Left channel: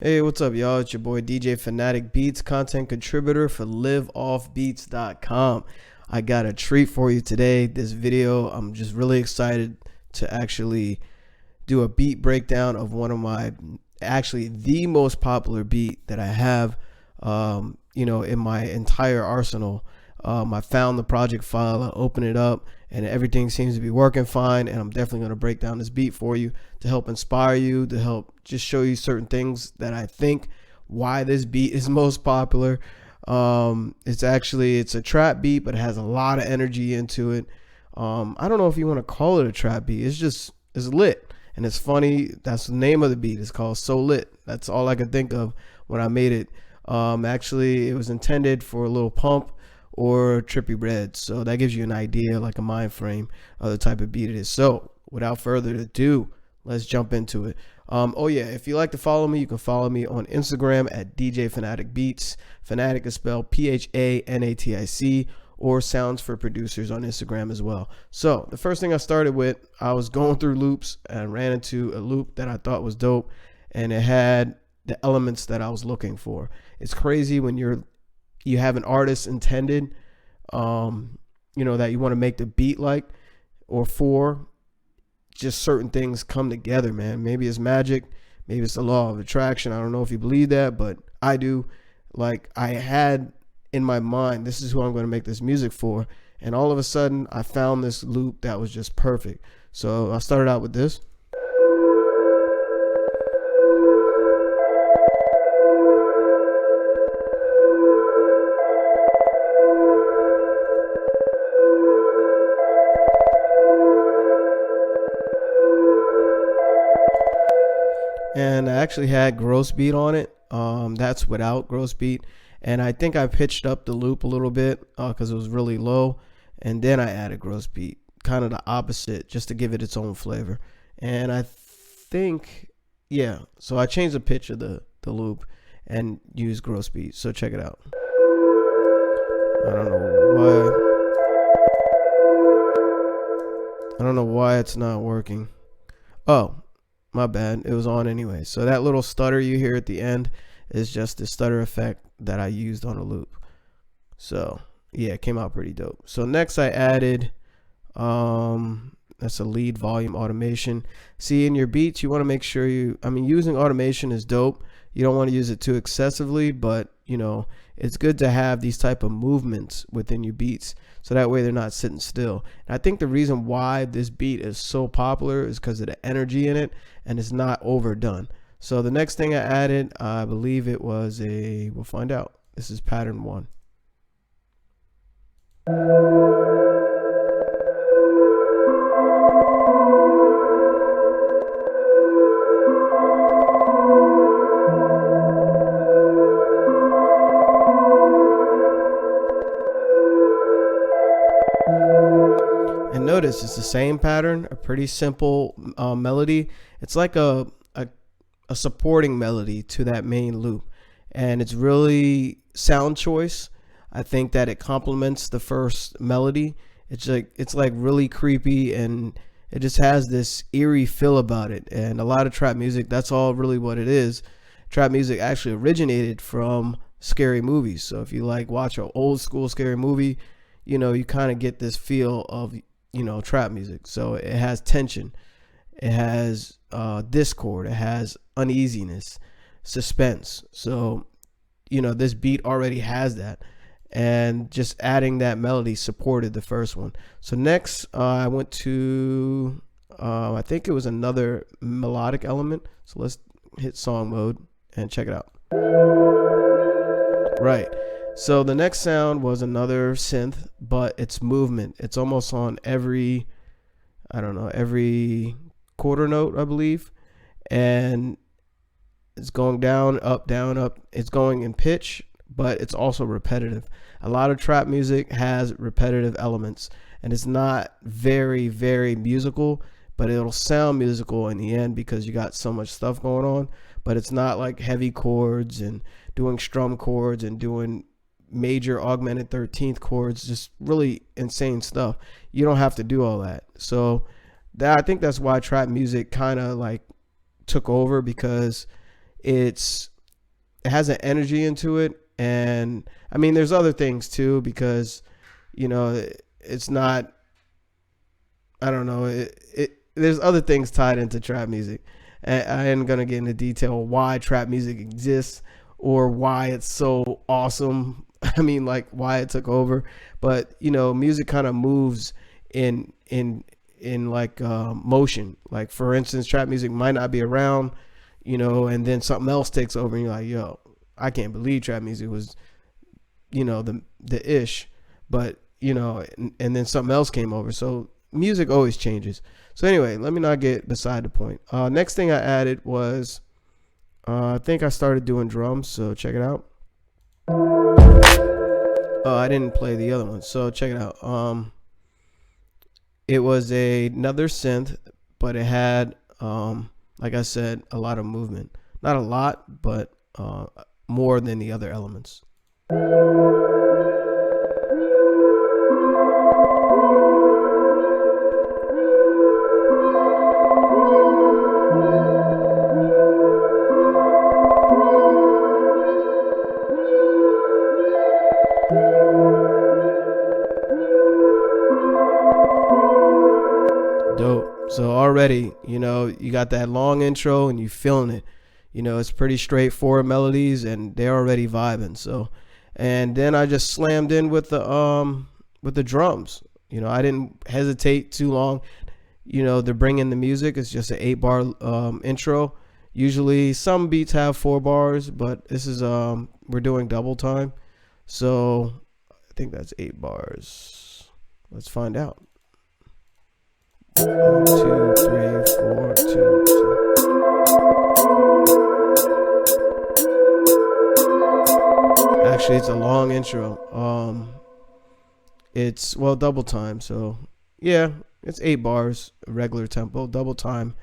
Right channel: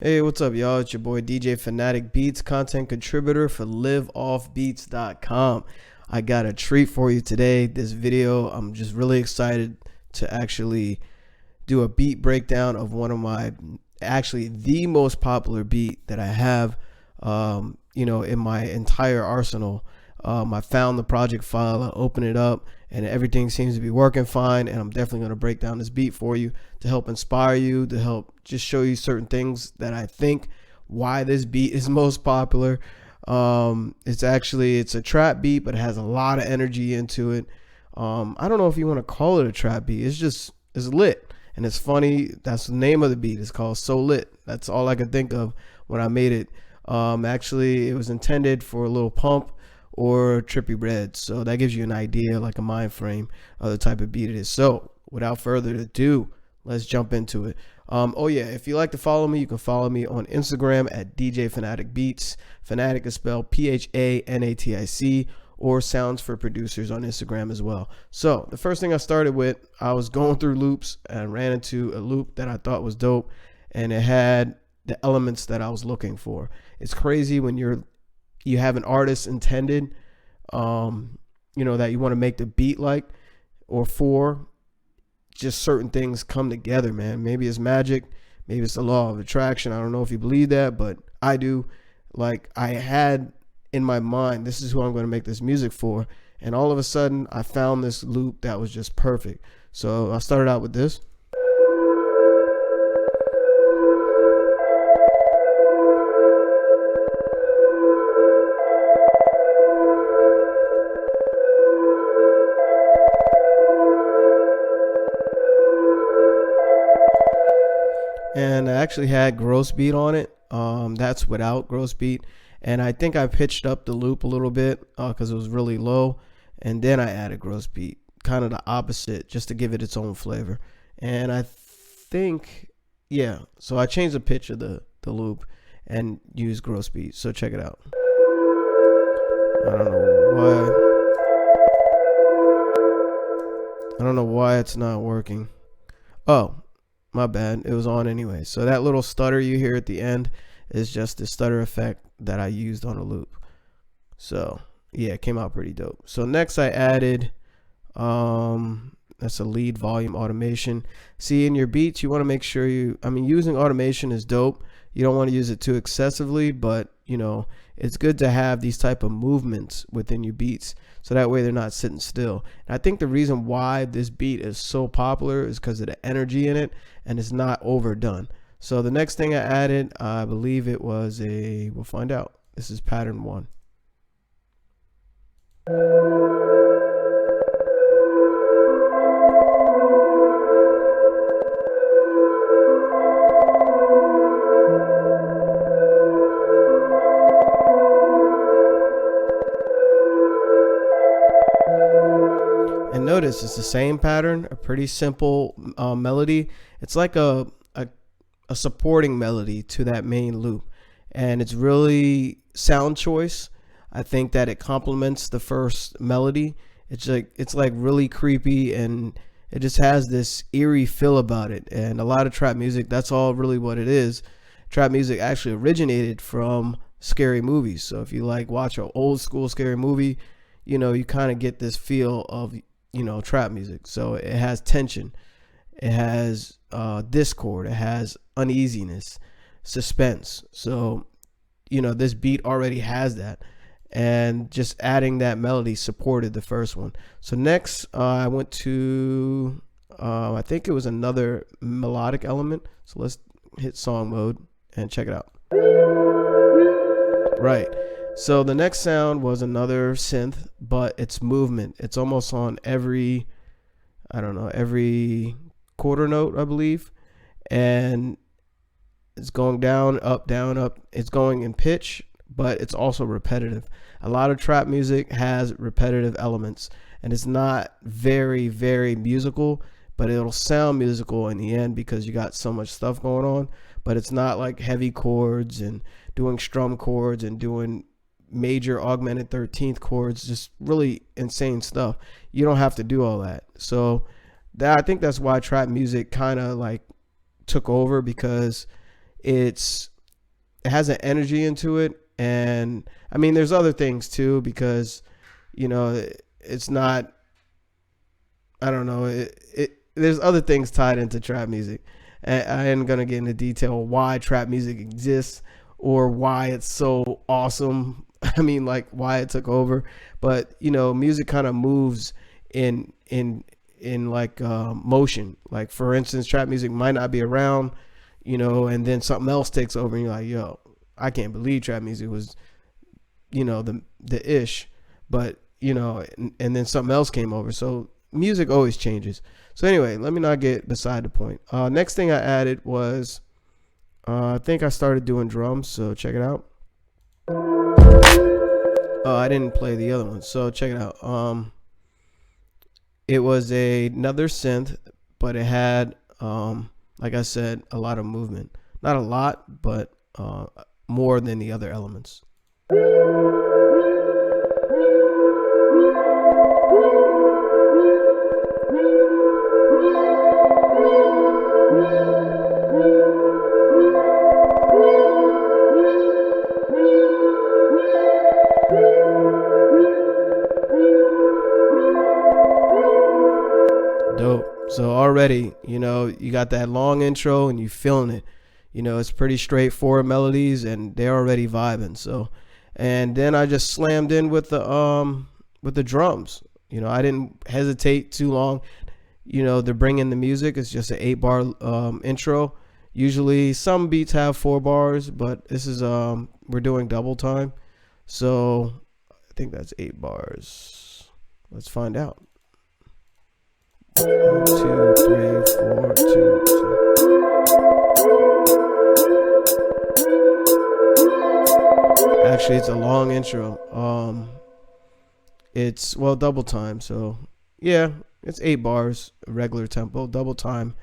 Hey, what's up, y'all? It's your boy DJ Fanatic Beats, content contributor for Liveoffbeats.com. I got a treat for you today. This video, I'm just really excited to actually do a beat breakdown of one of my, actually the most popular beat that I have, in my entire arsenal. I found the project file, I opened it up, and everything seems to be working fine. And I'm definitely going to break down this beat for you to help inspire you, to help just show you certain things that I think why this beat is most popular. It's a trap beat, but it has a lot of energy into it. I don't know if you want to call it a trap beat. It's lit and it's funny. That's the name of the beat. It's called So Lit. That's all I could think of when I made it. Actually, it was intended for a little pump or trippy red, so that gives you an idea, like a mind frame of the type of beat it is. So without further ado, let's jump into it. Oh yeah, if you like to follow me, you can follow me on Instagram at DJ Fanatic Beats. Fanatic is spelled P-H-A-N-A-T-I-C, or Sounds for Producers on Instagram as well. So the first thing I started with, I was going through loops and ran into a loop that I thought was dope, and it had the elements that I was looking for. It's crazy when you have an artist intended, that you want to make the beat like or for. Just certain things come together, man. Maybe it's magic, maybe it's the law of attraction. I don't know if you believe that, but I do. Like, I had in my mind, this is who I'm going to make this music for, and all of a sudden I found this loop that was just perfect. So I started out with this. And I actually had gross beat on it. That's without gross beat, and I think I pitched up the loop a little bit because it was really low, and then I added gross beat, kind of the opposite, just to give it its own flavor. And I think, yeah, so I changed the pitch of the loop and used gross beat. So check it out. I don't know why it's not working. Oh, my bad, it was on anyway. So that little stutter you hear at the end is just the stutter effect that I used on a loop. So yeah, it came out pretty dope. So next I added that's a lead volume automation. See, in your beats you want to make sure using automation is dope. You don't want to use it too excessively, but it's good to have these type of movements within your beats, so that way they're not sitting still. And I think the reason why this beat is so popular is because of the energy in it, and it's not overdone. So the next thing I added, I believe it was we'll find out. This is pattern 1. And notice it's the same pattern, a pretty simple melody. It's like a supporting melody to that main loop, and it's really sound choice. I think that it complements the first melody. It's like really creepy, and it just has this eerie feel about it. And a lot of trap music, that's all really what it is. Trap music actually originated from scary movies. So if you watch an old school scary movie, you kind of get this feel of trap music. So it has tension, it has discord, it has uneasiness, suspense. So this beat already has that, and just adding that melody supported the first one. So next I went to I think it was another melodic element. So let's hit song mode and check it out. Right, so the next sound was another synth, but it's movement. It's almost on every quarter note, I believe. And it's going down, up, up. It's going in pitch, but it's also repetitive. A lot of trap music has repetitive elements, and it's not very, very musical, but it'll sound musical in the end because you got so much stuff going on. But it's not like heavy chords and doing strum chords and doing major augmented 13th chords, just really insane stuff. You don't have to do all that. So I think that's why trap music kind of took over, because it has an energy into it. And I mean, there's other things too, because, you know, it's not, I don't know, there's other things tied into trap music. And I ain't gonna get into detail why trap music exists or why it's so awesome. I mean, like, why it took over. But, you know, music kind of moves in like motion. Like, for instance, trap music might not be around, you know, and then something else takes over, and you're like, yo, I can't believe trap music was, you know, the ish. But, you know, and then something else came over. So music always changes. So anyway, let me not get beside the point. Next thing I added was, I think I started doing drums. So check it out. I didn't play the other one. So check it out. It was another synth, but it had, like I said, a lot of movement. Not a lot, but more than the other elements. Dope. So already, you know, you got that long intro and you feeling it. You know, it's pretty straightforward melodies and they're already vibing. So, and then I just slammed in with the drums. You know, I didn't hesitate too long, you know, to bring in the music. It's just an 8-bar intro. Usually some beats have 4 bars, but this is we're doing double time. So I think that's 8 bars. Let's find out. 1, 2, 3, 4, 2, 2. Actually, it's a long intro. It's, well, double time. So yeah, it's 8 bars, regular tempo, double time.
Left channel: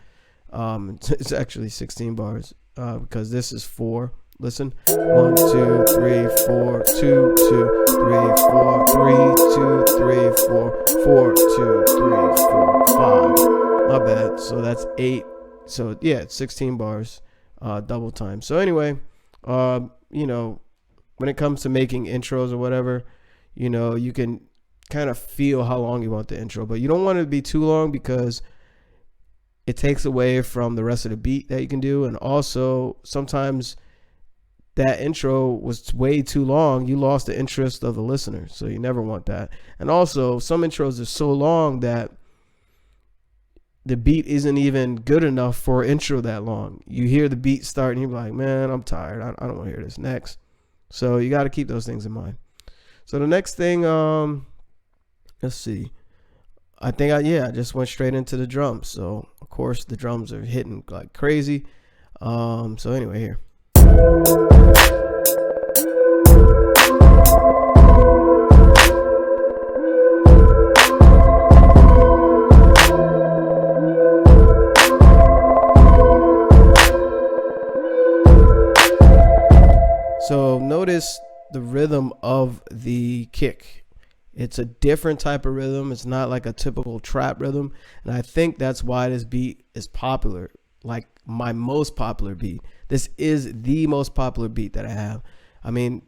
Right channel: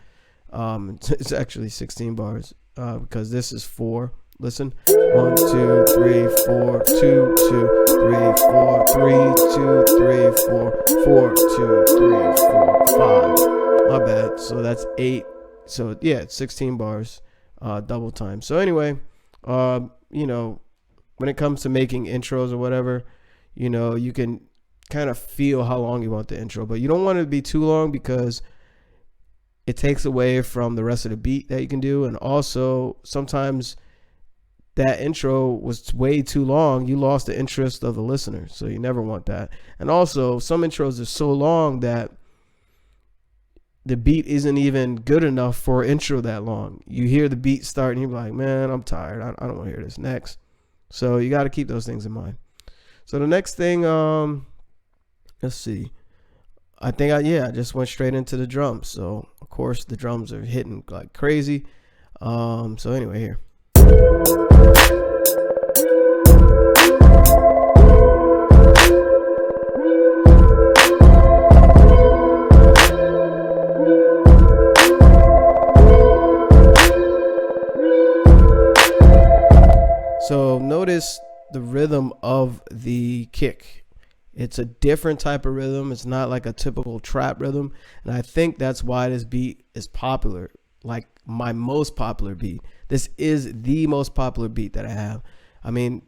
It's actually 16 bars because this is 4. Listen, 1, 2, 3, 4, 2, 2, 3, 4, 3, 2, 3, 4, 4, 2, 3, 4, 5. My bad. So that's 8. So yeah, it's 16 bars, double time. So anyway, you know, when it comes to making intros or whatever, you know, you can kind of feel how long you want the intro, but you don't want it to be too long because it takes away from the rest of the beat that you can do. And also sometimes that intro was way too long. You lost the interest of the listener. So you never want that. And also some intros are so long that the beat isn't even good enough for an intro that long. You hear the beat start and you're like, man, I'm tired. I don't want to hear this next. So you got to keep those things in mind. So the next thing, let's see. I think I just went straight into the drums. So of course the drums are hitting like crazy. So anyway, here. So notice the rhythm of the kick. It's a different type of rhythm. It's not like a typical trap rhythm. And I think that's why this beat is popular, like my most popular beat. This is the most popular beat that I have. I mean,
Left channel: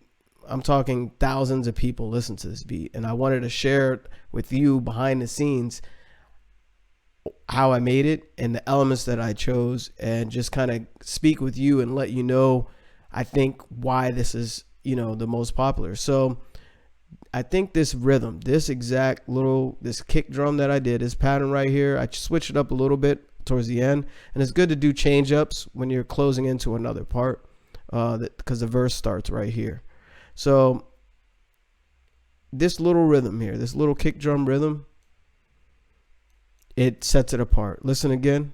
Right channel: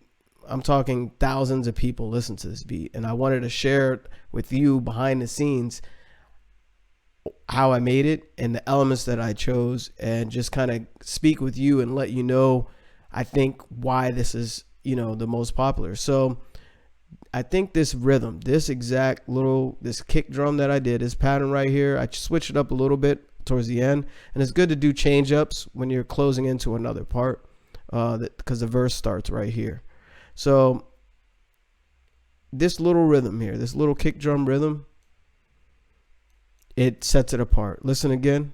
I'm talking thousands of people listen to this beat. And I wanted to share it with you behind the scenes, how I made it and the elements that I chose, and just kind of speak with you and let you know, I think, why this is, you know, the most popular. So I think this rhythm, this exact this kick drum that I did, this pattern right here, I switched it up a little bit towards the end. And it's good to do change ups when you're closing into another part, because the verse starts right here. So this little rhythm here, this little kick drum rhythm, it sets it apart. Listen again.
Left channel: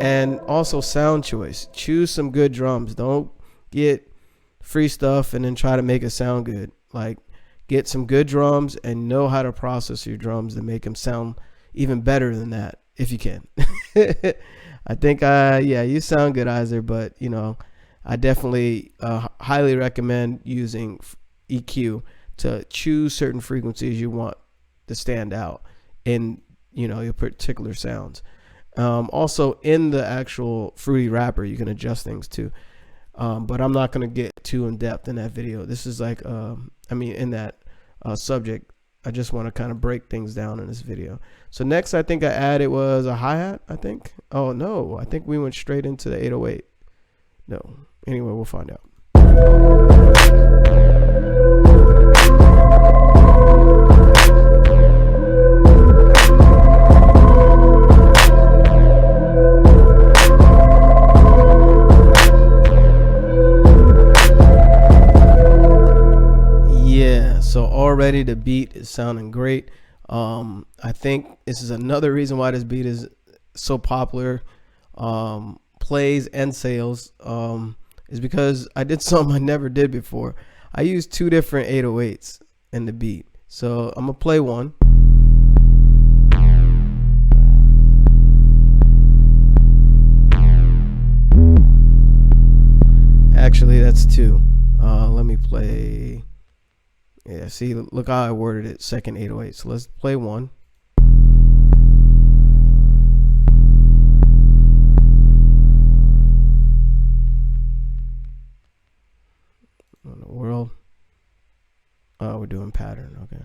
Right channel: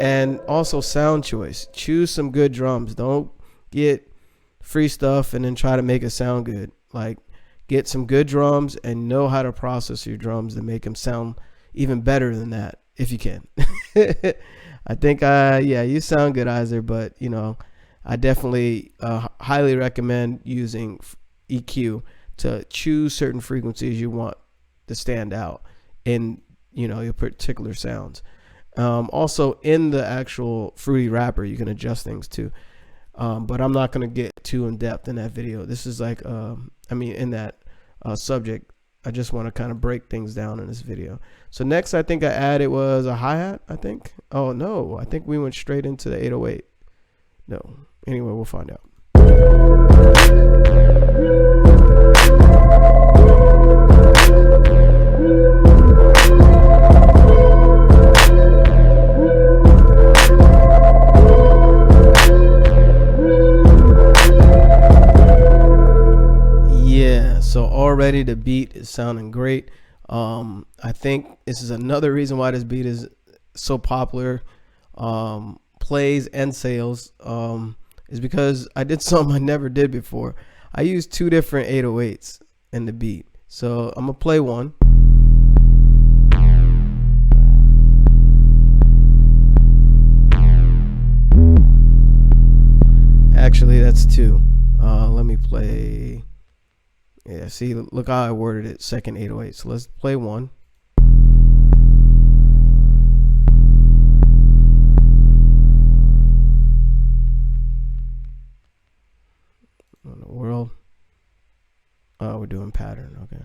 And also sound choice. Choose some good drums. Don't get free stuff and then try to make it sound good. Like, get some good drums and know how to process your drums to make them sound even better than that, if you can. I think, yeah, you sound good, Iser, but, you know, I definitely highly recommend using EQ to choose certain frequencies you want to stand out in, you know, your particular sounds. Also in the actual Fruity Wrapper, you can adjust things too. But I'm not going to get too in depth in that video. This is like, I mean, in that subject, I just want to kind of break things down in this video. So next, I think I added was a hi-hat, I think. Oh no, I think we went straight into the 808. No, anyway, we'll find out. Yeah, so already the beat is sounding great. I think this is another reason why this beat is so popular, plays and sales, is because I did something I never did before. I used 2 different 808s in the beat. So I'm gonna play one. Actually, that's 2. Let me play. Yeah, see, look how I worded it, second 808. So let's play one. What in the world? Oh, we're doing pattern, okay.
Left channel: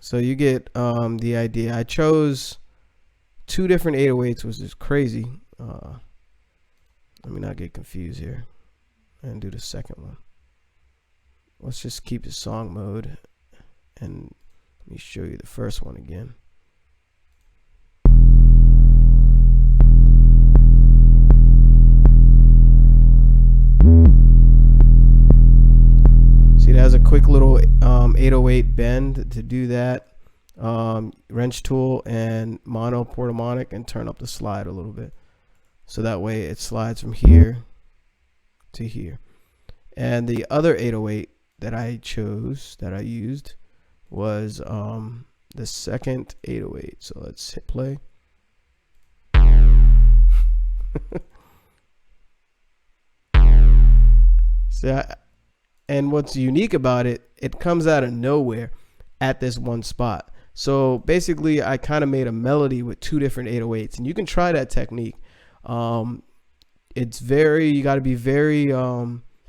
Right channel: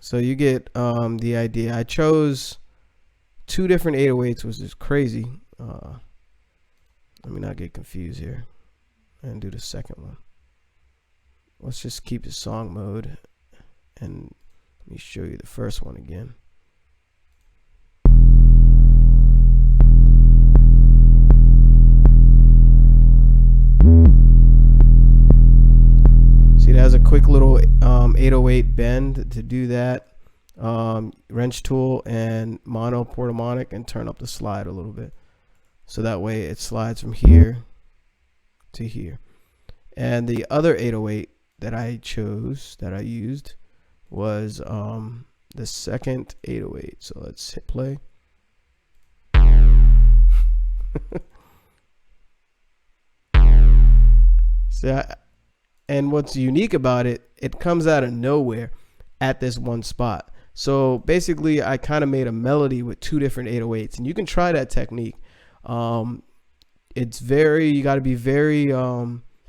So you get the idea. I chose 2 different 808s, which is crazy. Let me not get confused here and do the second one. Let's just keep the song mode and let me show you the first one again. See, it has a quick little 808 bend to do that. Wrench tool and mono portamonic, and turn up the slide a little bit. So that way it slides from here to here. And the other 808 that I chose, that I used, was the second 808. So let's hit play. And what's unique about it, it comes out of nowhere at this one spot. So basically I kind of made a melody with 2 different 808s, and you can try that technique. It's you got to be very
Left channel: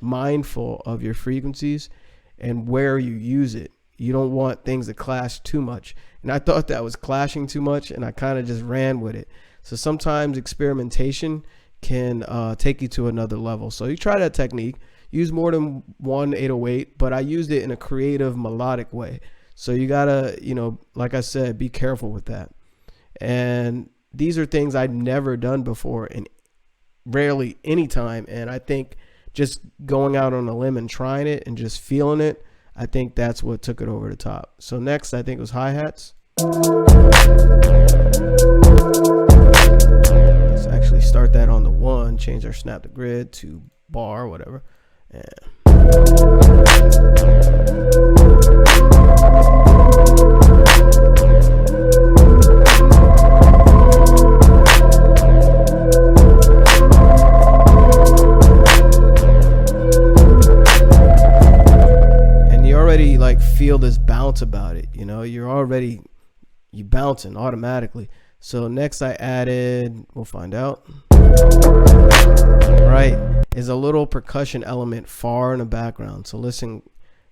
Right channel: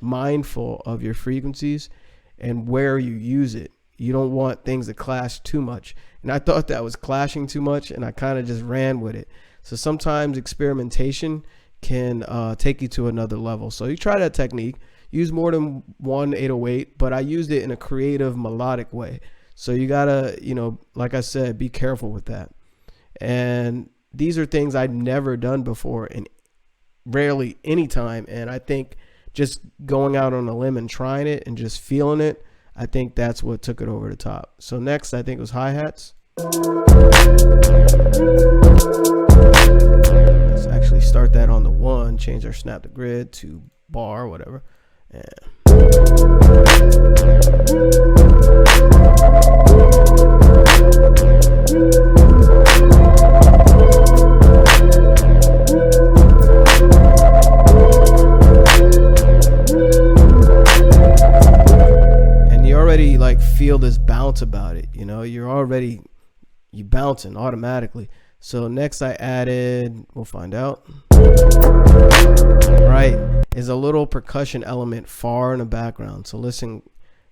mindful of your frequencies and where you use it. You don't want things to clash too much. And I thought that was clashing too much, and I kind of just ran with it. So sometimes experimentation can take you to another level. So you try that technique, use more than one 808, but I used it in a creative, melodic way. So you gotta, you know, like I said, be careful with that. And these are things I'd never done before, and rarely any time. And I think just going out on a limb and trying it and just feeling it, I think that's what took it over the top. So next, I think it was hi-hats. Let's actually start that on the 1, change our snap to grid to bar, whatever. And you already like feel this bounce about it, you know, you bouncing automatically. So next I added, we'll find out. Right, is a little percussion element far in the background. So listen,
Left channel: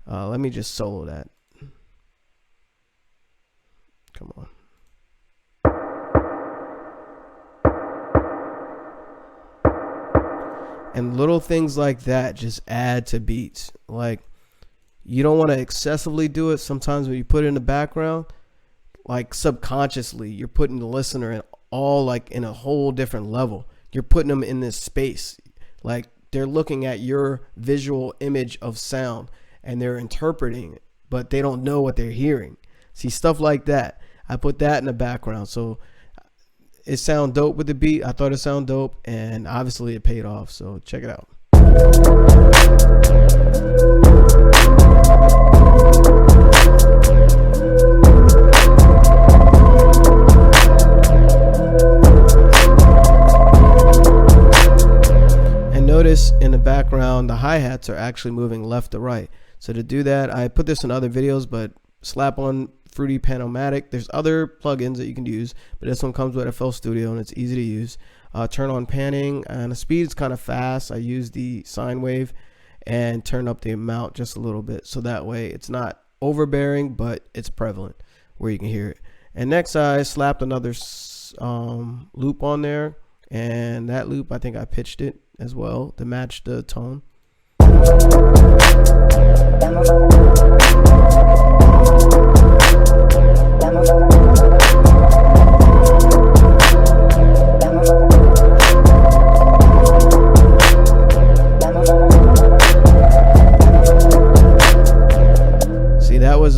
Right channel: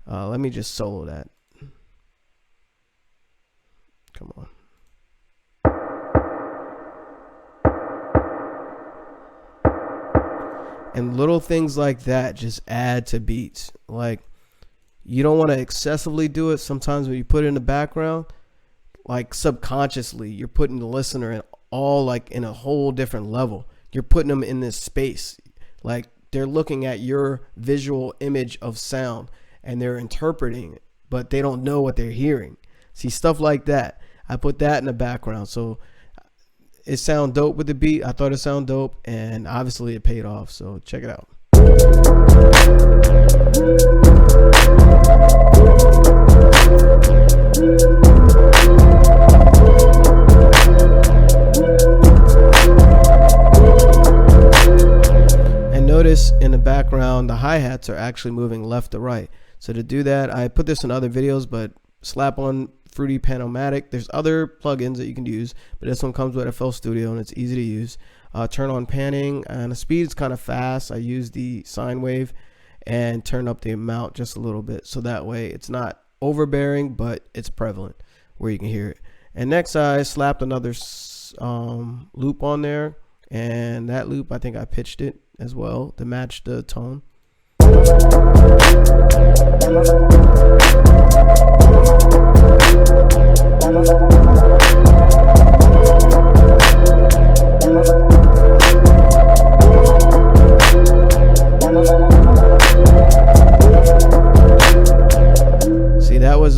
let me just solo that. Come on. And little things like that just add to beats. Like, you don't want to excessively do it. Sometimes when you put it in the background, like subconsciously, you're putting the listener in all like in a whole different level. You're putting them in this space. Like, they're looking at your visual image of sound and they're interpreting it, but they don't know what they're hearing. See, stuff like that. I put that in the background. So it sound dope with the beat. I thought it sounded dope, and obviously it paid off. So check it out. And notice in the background, the hi-hats are actually moving left to right. So to do that, I put this in other videos, but slap on Fruity Panomatic. There's other plugins that you can use, but this one comes with FL Studio and it's easy to use. Turn on panning, and the speed is kind of fast. I use the sine wave and turn up the amount just a little bit, so that way it's not overbearing, but it's prevalent where you can hear it. And next I slapped another loop on there, and that loop, I think I pitched it as well to match the tone. See, that was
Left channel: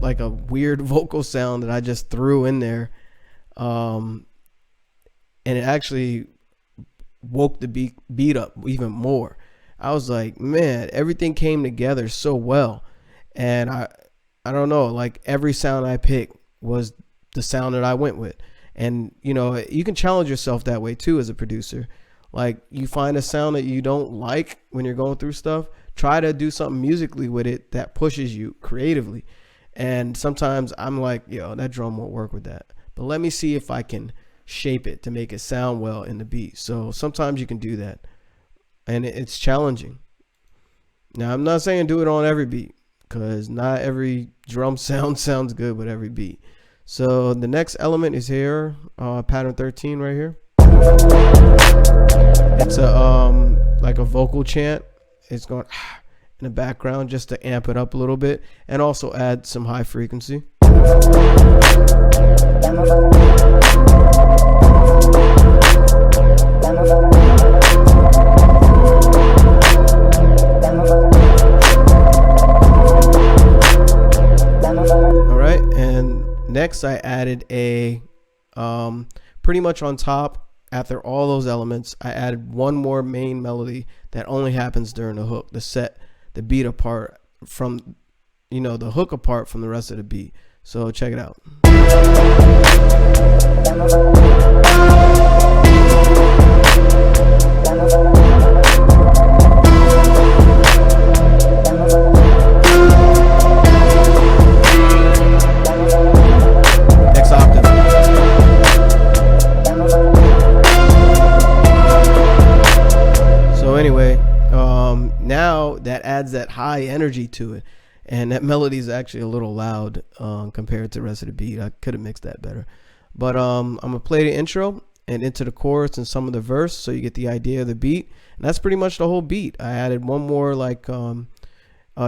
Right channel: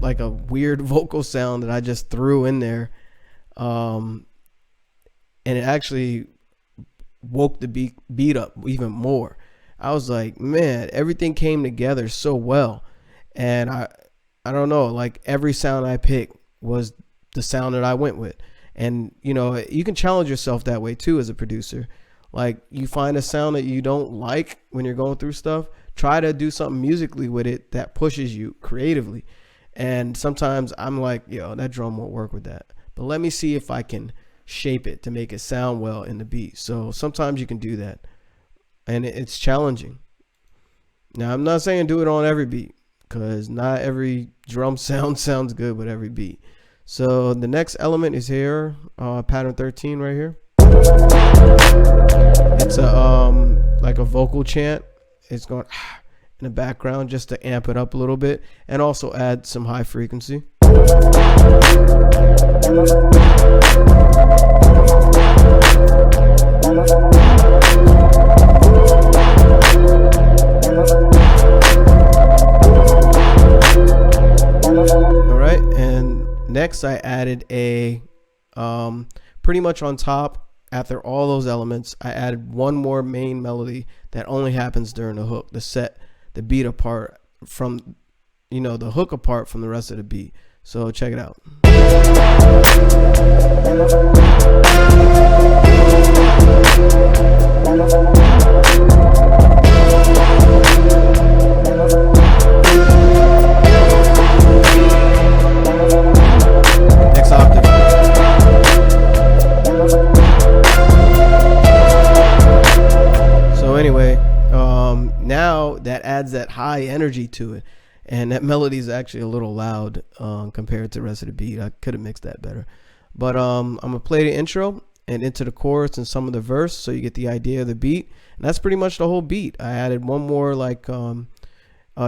like a weird vocal sound that I just threw in there, and it actually woke the beat up even more. I was like, man, everything came together so well. And I don't know, like every sound I picked was the sound that I went with. And you know, you can challenge yourself that way too as a producer. Like, you find a sound that you don't like when you're going through stuff, try to do something musically with it that pushes you creatively. And sometimes I'm like, yo, that drum won't work with that, but let me see if I can shape it to make it sound well in the beat. So sometimes you can do that, and it's challenging. Now, I'm not saying do it on every beat, because not every drum sound sounds good with every beat. So the next element is here, pattern 13 right here. It's a like a vocal chant. It's going in the background just to amp it up a little bit, and also add some high frequency. All right, and next I added a pretty much on top, after all those elements, I added one more main melody that only happens during the hook, to set the beat apart from, you know, the hook apart from the rest of the beat. So check it out. Next octave. So anyway, now that adds that high energy to it, and that melody is actually a little loud compared to the rest of the beat. I could have mixed that better, but I'm gonna play the intro and into the chorus and some of the verse, so you get the idea of the beat. And that's pretty much the whole beat. I added one more like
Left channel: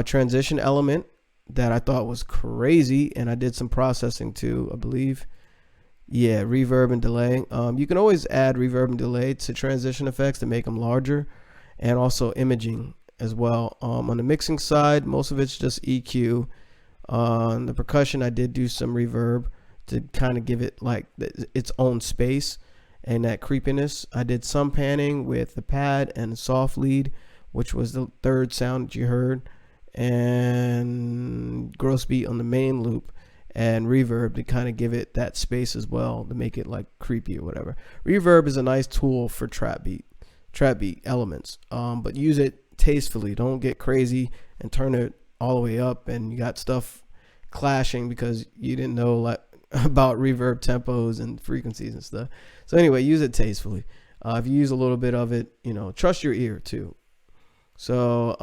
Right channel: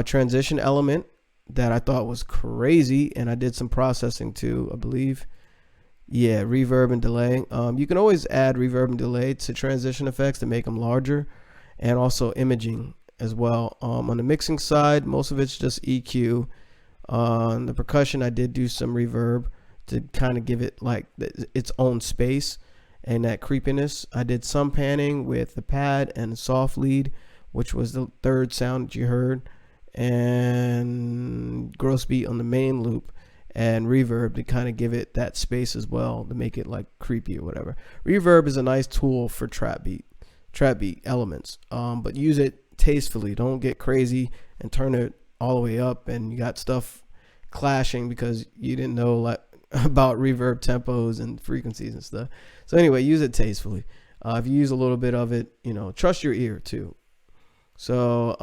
transition element that I thought was crazy, and I did some processing too, I believe. Yeah, reverb and delay. You can always add reverb and delay to transition effects to make them larger, and also imaging as well. On the mixing side, most of it's just EQ. On the percussion, I did do some reverb to kind of give it like its own space and that creepiness. I did some panning with the pad and the soft lead, which was the third sound that you heard, and gross beat on the main loop, and reverb to kind of give it that space as well, to make it like creepy or whatever. Reverb is a nice tool for trap beat elements, but use it tastefully. Don't get crazy and turn it all the way up and you got stuff clashing because you didn't know like about reverb tempos and frequencies and stuff. So anyway, use it tastefully. If you use a little bit of it, you know, trust your ear too. So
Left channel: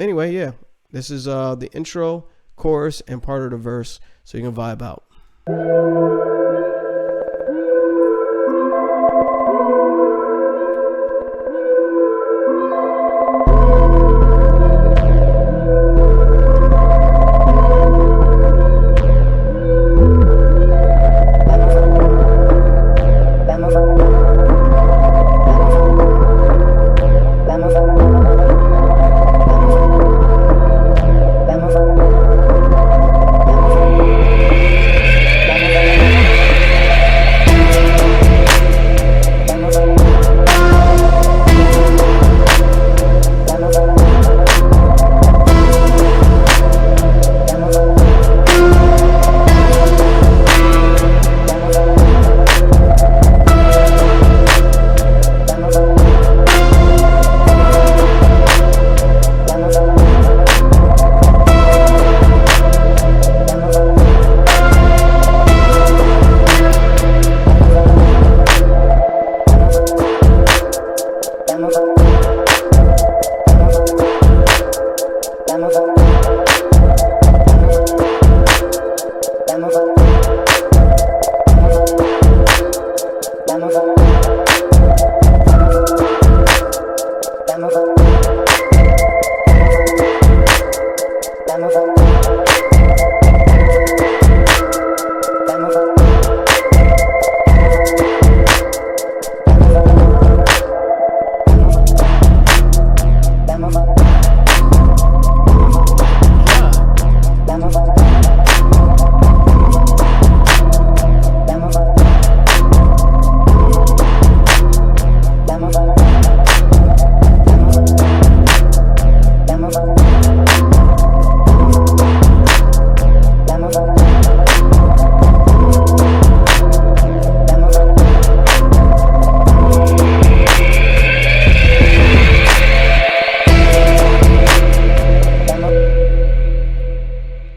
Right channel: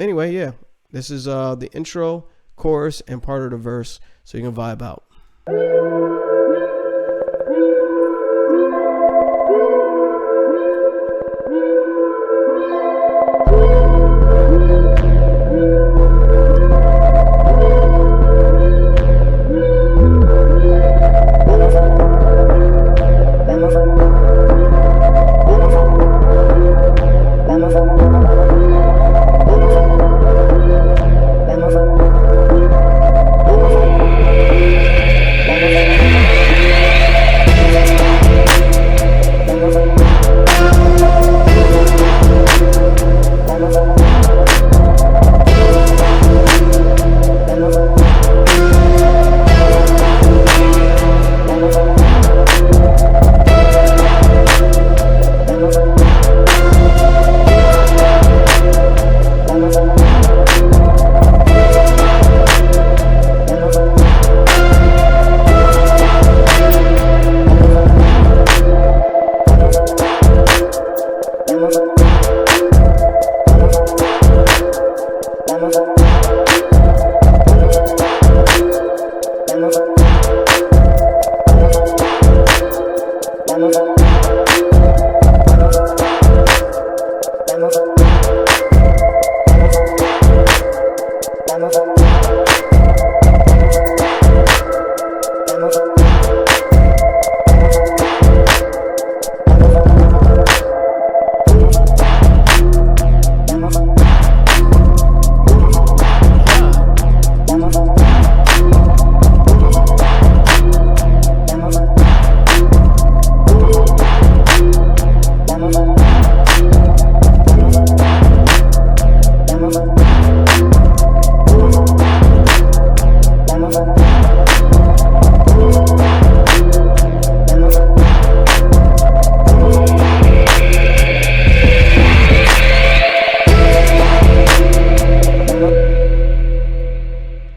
anyway, yeah, this is the intro, chorus, and part of the verse, so you can vibe out.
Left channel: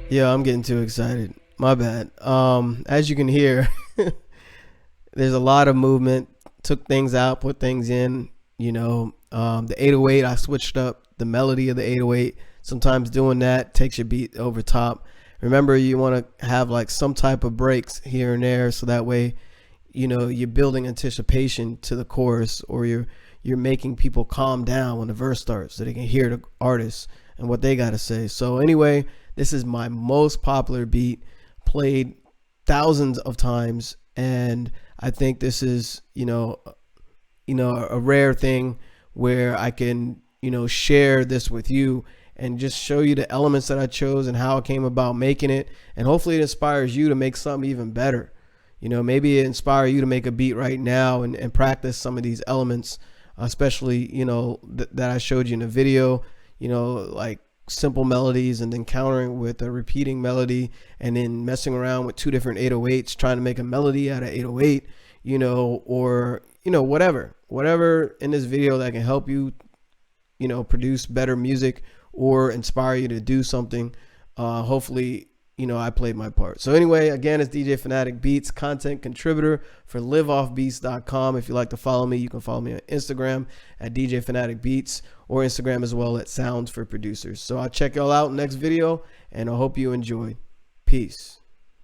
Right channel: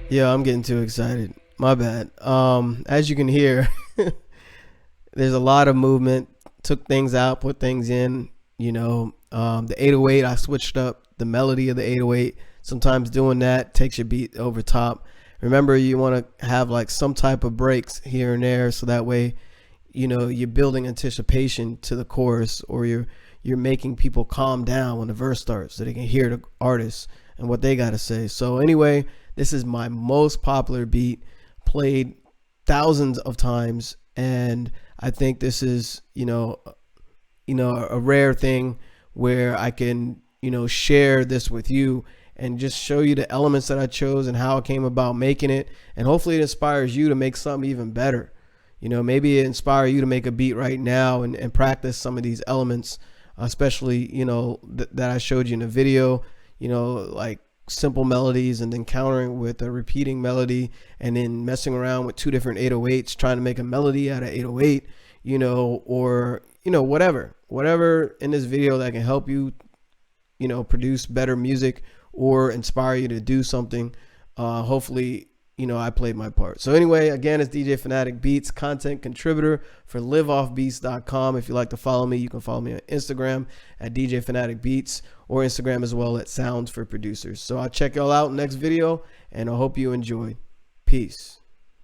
Yeah, I'm getting too excited. My bad. As you can hear, there's a lot of movement. Took things out, put things in. The 808, I switched up the melody of the 808. Sometimes doing that takes your beat over top. Remember, you want to have like some type of breaks here and there, so that way, you're building anticipation to the chorus, or you're making people calm down when the verse starts, so they can hear the artist and what they got to say. So anyway, this is my most popular beat, played thousands of times, and I think this is, a rare thing where I can, share this with you and just show you the elements that I chose and how I came about making it. And hopefully it inspires you to make something even better. Maybe it inspire you to make a beat right now and practice some of these elements, especially, that I showed you in the video, like simple melodies, and then countering with a repeating melody, and then messing around with two different 808s, trying to make a melody out of 808, or whatever in this video that can help you, produce better music or inspire you to do something. Hopefully, I played my part. So anyway, again, it's DJ Fanatic Beats, content contributor for Liveoffbeats.com. If you like to follow me, you can follow me on Instagram at DJ Fanatic Beats, or Instagram as well at Sounds for Producers. So I'll check y'all out next video, and I hope you enjoyed. Peace.